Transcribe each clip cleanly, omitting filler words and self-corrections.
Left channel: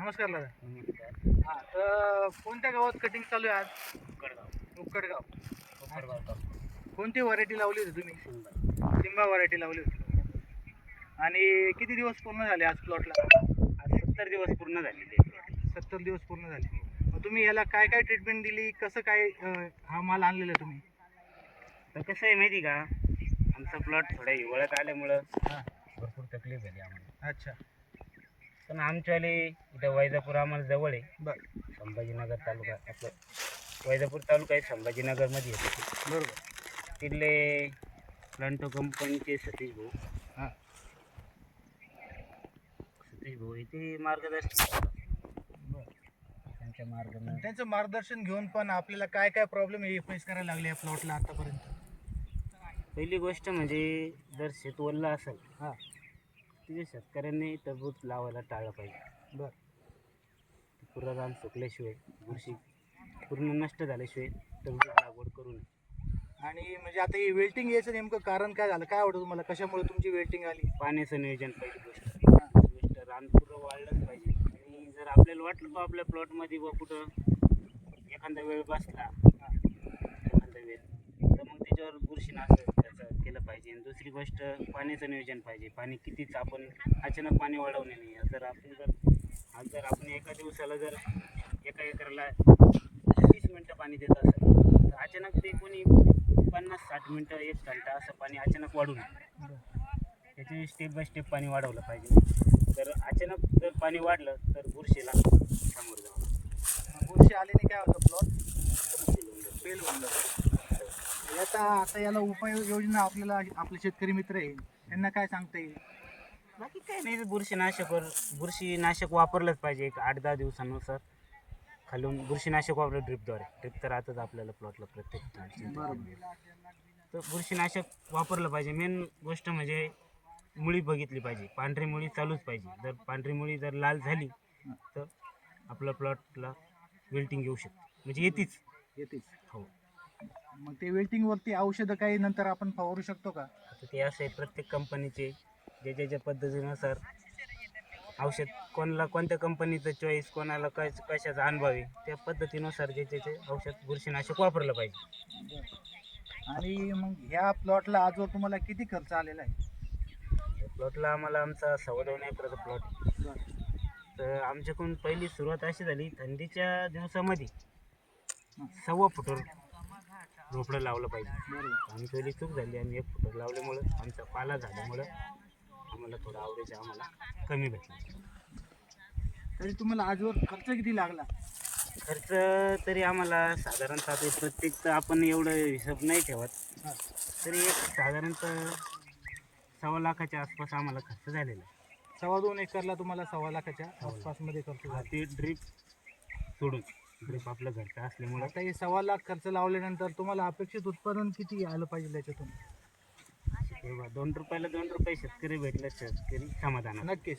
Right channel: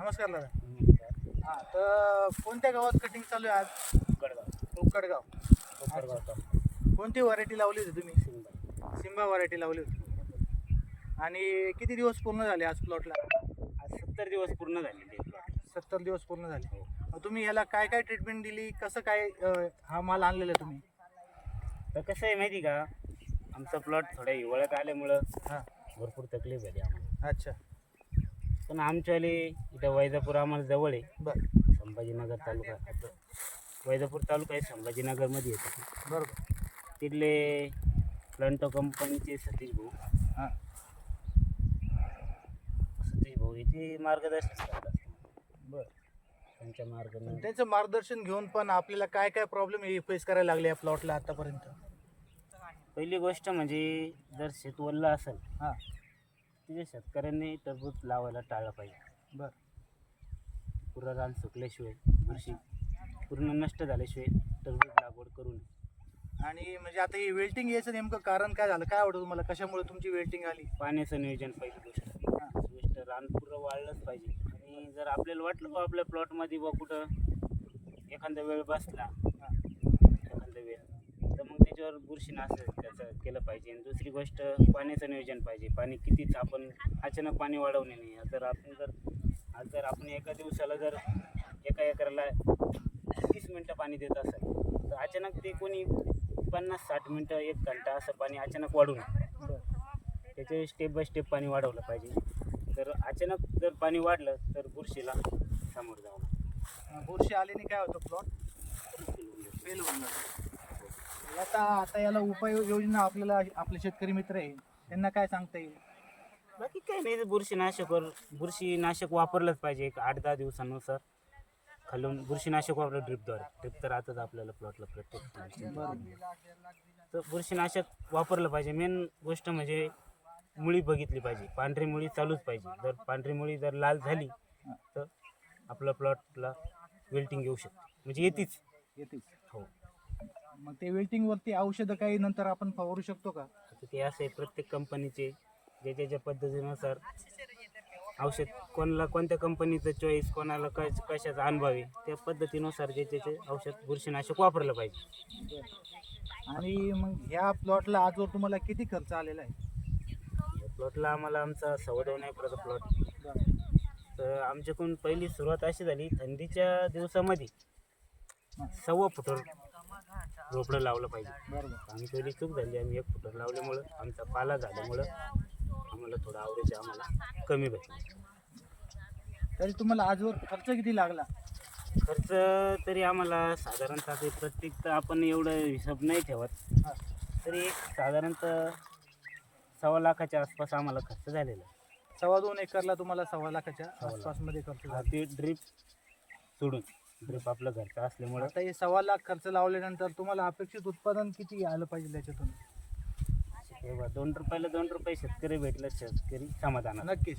नमस्कार दादा. नमस्कार. हां, तर कोणत्या गावात कटिंग चालू आहे आज? गडगाव उक्कडगाव. कोपरगाव तालुका कोणती व्हरायटी लावली होती तुम्ही? सिंदा. सिम्बा व्हरायटी लावली होती. आणि किती दिवस पूर्ण झाले आज प्लॉटला? आज 70 दिवस पूर्ण झालेले आहे प्लॉट. 70 दिवस पूर्ण झाले. मग तुम्ही याला काय काय ट्रीटमेंट दिली, कसं काय हा माल आणलेला तुम्ही? तर कसं आहे माहिती का, आमचा प्लॉट थोड्या हिवाळ्यात आल्यामुळं हां. भरपूर तकलीफ झाली आम्हाला. अच्छा. पण आमच्यावाले इथं वैजापूर आम्हाला जवळ आहे. बरं. संभाजीनगर तालुका आपलं वैजापूर तालुका आहे, संभाजीनगरमध्ये येते ते. बरोबर. तिथले प्लांटो कंपनीचे सतीश भाऊ हां. इथे मार्गदर्शन करतात. बरं. त्यांच्या मार्गाने त्यांचं मार्गदर्शन घेऊन पण आपल्याला काय काय प्रॉब्लेम फेस करायला लागले या प्लॉटला आतापर्यंत? पहिली गोष्ट म्हणजे जर शेत ओललं असेल हां. तिथे शेतकऱ्यांनी टरबूज लावायला टाळलं पाहिजे. बरं. पुरं रान सुकल्याशिवाय, बुरशी पूर्ण नष्ट झाल्याशिवाय टरबूज लागवड करू नये. आणि म्हणजे आता हे वेल्टिंग यायचं नेमकं कारण काय झालं? काय आवडतं तुम्हाला? कशामुळे तुमची वेल्टिंग आली? पाण्याचं नियोजन पहिली गोष्ट. हां. गोष्ट रान पुरं वाढलंच पाहिजे. आणि जर आपल्याला वाटलं बा आपल्या प्लॉटमध्ये बा कुठं एखादा वेळ बसला, एखादा वेळ, तर मग त्याच्यावर बुरशीनाशक त्याचं केलं पाहिजे. आणि दुसरी गोष्ट पाण्याचं नियोजन पाहिजे. पाणी कितीच आपण अचानक पाणी वाढवणे नाही. जर आपण एका दिवसाला जर एका एकराला 30 मिनटं पाणी देत असेल, तर अचानक ते कोणी 50-60 मिनटं 1 घंटा असं पाणी अचानक वाढू नये. बरं. त्याचे स्टेप बाय स्टेप पाणी वाढवलं पाहिजे. तर अचानक जर पाणी वाढलं तर बुरशीला सामोरं जावं लागतं. बुरशी आल्याने काय होतं? प्लॉट फेल होऊन जातं. फेल होऊन जातं. आता याला उपाययोजना आपल्याला आपले शेतकरी मित्र आहे त्यांना काय सांगता येईल? बाकी काही नाही, बुरशीनाशक वापरलंच पाहिजे. एक 8-10 दिवसानुसार खालून बुरशीनाशक वापरलं ड्रिपद्वारे. ड्रिप तर आताच आपल्याला प्लॉटला प्रत्येक तर बुरशीनाशक वापरलं पाहिजे. मेन गोष्ट म्हणजे मुळी बघितली पाहिजे. पांढरी मुळी चालूच पाहिजे. जर पांढरी मुळी जर लाल झाली तर आपल्या प्लॉटला वेल्टिंग येऊ शकते, म्हणजे येतेच. हो. मग ते वेल्टिंगवरती औषधं काही नंतर आपण फवारू शकतो का? आता ते असं आहे, प्रत्येक कंपनीचे ज्याच्या पद्धतीनुसार औषध, कोणाला कोणत्या कंपनीचं चॉईस, कोणाला कशाचा अनुभव आहे, त्या पद्धतीनुसार ज्याचे औषध बुरशीनाशक वापरलं पाहिजे. आणि मग ह्या प्लॉटला आजवर तुम्हाला किती खर्च आलेला आहे? या प्लॉटला आम्हाला आमचा 2.25 एकराचा प्लॉट. बरं. तर आमच्याकडून पहिली सुरुवात अशी झाली, थंडीच्या दिवसामध्ये 1.25 फुटावर रोपडं लावलं पाहिजे. बरोबर. आम्ही पहिली चूक झाली, आम्ही 1 फुटावर लावल्यामुळं आमचा पाला झाल्यामुळं आम्हाला थोडं आवरेज आम्हाला कमी भेटलं. तरी तुम्हाला आजवर खर्च किती लागला? खर्च तरी आम्हाला साधारणतः ते प्रत्येक तर आपण एवढं हिशोब नाही ठेवत, हां. तरी एक साधारणतः 1.25 लाखाच्या आसपास आम्हाला खर्च झालेला आहे. 2.25 एकरला तुम्हाला 2.25 लाखाच्या आसपासमध्ये खर्च झाला. ते ड्रीप सोडून, ड्रीप आपलं घरचं असल्यामुळं आता हे 2.25 लाख खर्च लावल्यानंतर तुम्हाला अपेक्षित उत्पादन किती आलं पाहिजे त्याच्यातून? तेव्हा 2 रुपयाला 2 रुपये शेतकरी भेटलं, शेतकरी समाधान. नक्कीच.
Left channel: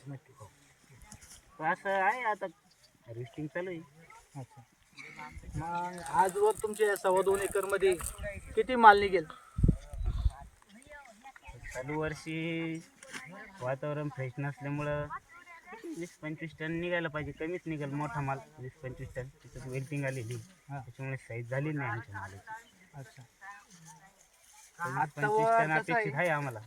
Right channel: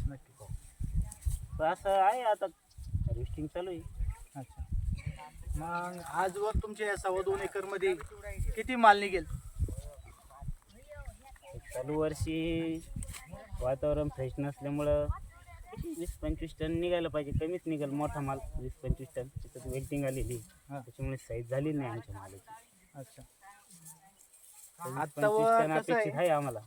तर असं आहे, आता हार्वेस्टिंग चालू आहे. अच्छा. मग आजवर तुमच्या 2.25 एकरमध्ये किती माल निघेल? चालू वर्षी वातावरण फ्रेश नसल्यामुळं 20-25 टन निघायला पाहिजे. कमीच निघेल, मोठा माल 20-25 टन. त्याच्यात वेल्टिंग आलेली, त्याच्यामुळे साईज झाली नाही आमच्या मालाची. अच्छा. 20-25 टन अपेक्षित आहे आम्हाला.